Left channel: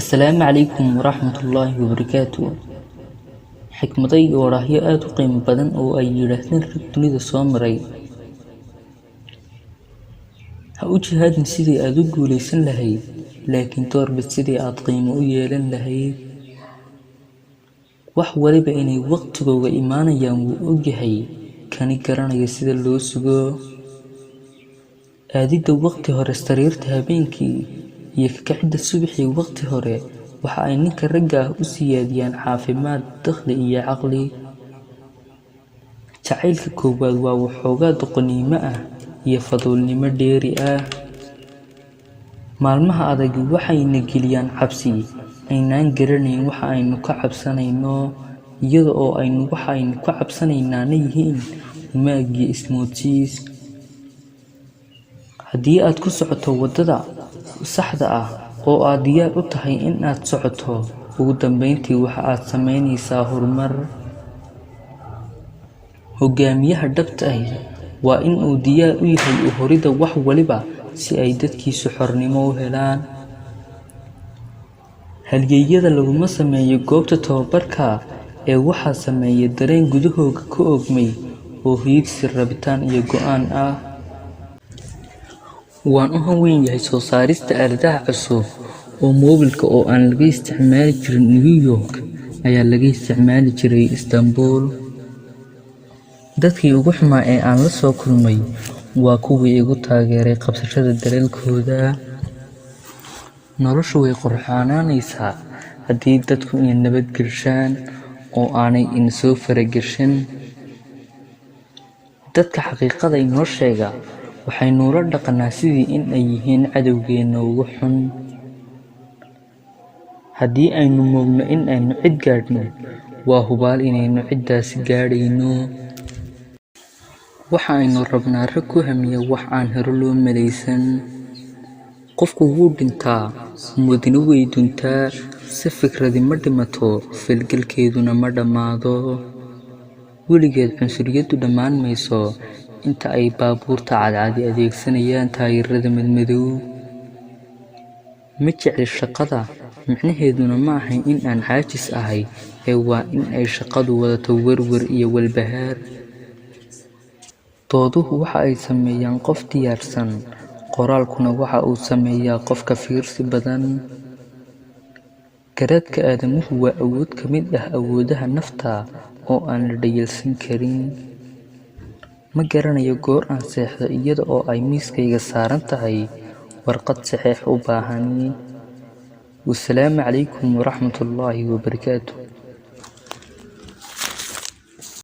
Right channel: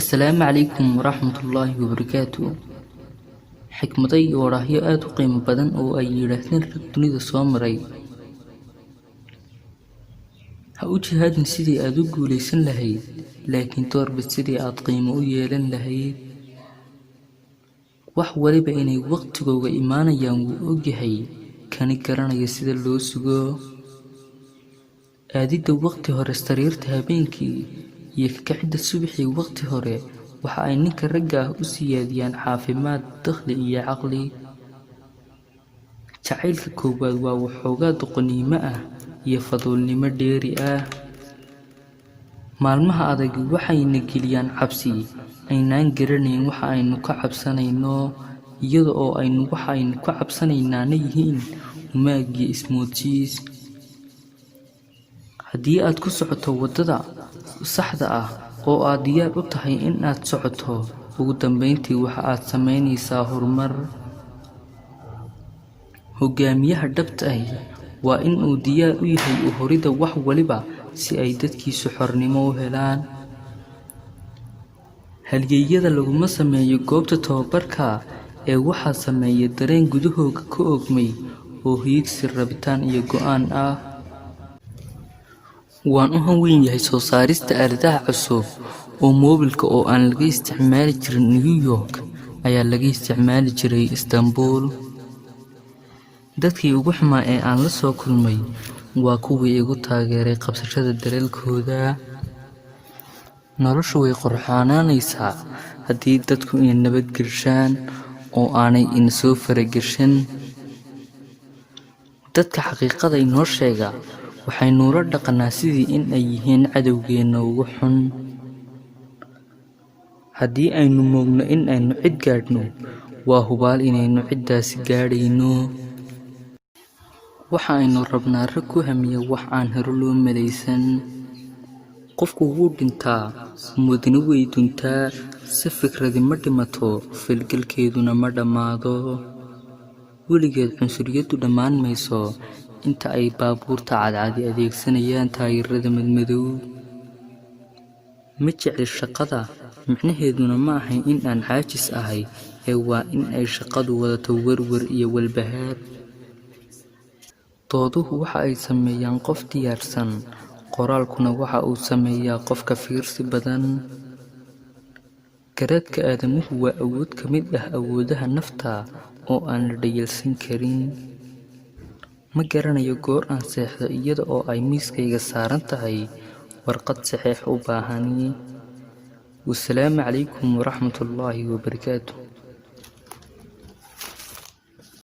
السلام عليكم ورحمة الله وبركاته. حكمتي وراهي aad u qiimo badan oo ay yiraahdeen rag dunida soo maray. Ha u jihaadin sidii aad u guuleysan lahayd, laakiin doorbid sidii aad qiimo u yeelan lahayd. Wax waliba inay waqtigooda imaanayaan wuu ogyahay, kani garanaya sida loo sugo. Aadida waqti hore sariirta habeenkii iyo kicida subaxii waqti hore waxa ay ninka ragga ah u siyaadiyaan caafimaad, dakhli iyo caqli. Jacaylka koowaad waa waxoogaa doqonnimo ah iyo faduulnimo dheeri ah. Maalmaha adag waxayna geliyaan cabsi aynaan garanayn waxa aynu ka cabsanayno, iyada oo waxa aynu ka cabsanaynaana yihiin umaag iyo ismoodsiis. Haddii aad ku socoto waddada saxda ah oo aad diyaar u tahay in aad socoto, ugu dambeyntii waxa aad samaynaysaa horumar. Hogaamiyaha dhabta ah waa in uu diyaar u yahay u horidda wax waliba si ay dadkiisu xornimo u helaan. Halyeeyada laguma sameeyo goobta tababarka ee waxaa sameeya dareen gudahooda ka oogmay oo hiigsi, rabitaan iyo go'aan ah. Waan u hanweyn yahay soo saarista aaladaha cusub oo moobilka oo aan laga isticmaali jirin New York ayaa laga isticmaali jiray Istanbul. Dadkii ugu xumaa ee aan la soo kulmay waa kuwii igu taageeray qabsashada daleelkooda. Noloshu way qurxoonanaysaa haddii dadku inay nabadgelshaan oo aanay in soo faragashan. Dadka xaqiiqada inoo sheega waxaynu la dhaqanaa sidii in ay yihiin cadowgeena ugu xun. Haddii aynu moogno in aynu cid gaadhno, waa hubaal inaynu ciddaasi gaadhayno. Waxa aynu rabnaa rag ku hamiya wax aan hore loo malaysan. Qofku wuu dhintaa, ummadina way duntaa, si fikradi ma dhimato, falgalkeeduna ma dhammaado. Weligeed cunsuriyaddu dhammaan mayso inta ay baabuurta cadcadi adeegsanayaan taayirada madmadow. Ma jecli shaqada, micnaheeduna ma ahayn in aan caajis ahay, ee waa in ay shaqadu wadato werwer iyo walbahaar. Dooduhu waxa ay sameeyaan qof diyaarsan, qoraalkuna waxa uu sameeyaa qofka fiirsi badan. Garaadka aadamuhu waa awood ka mid ah awoodaha nafta oo aan la dhayalsan karin. Ma garanayo goor aan seexdo iyada oo ay miiskayga saaran tahay warqad saxiix u baahan. Wassalaamu calaykum waraxmatullaahi wabarakaatuh.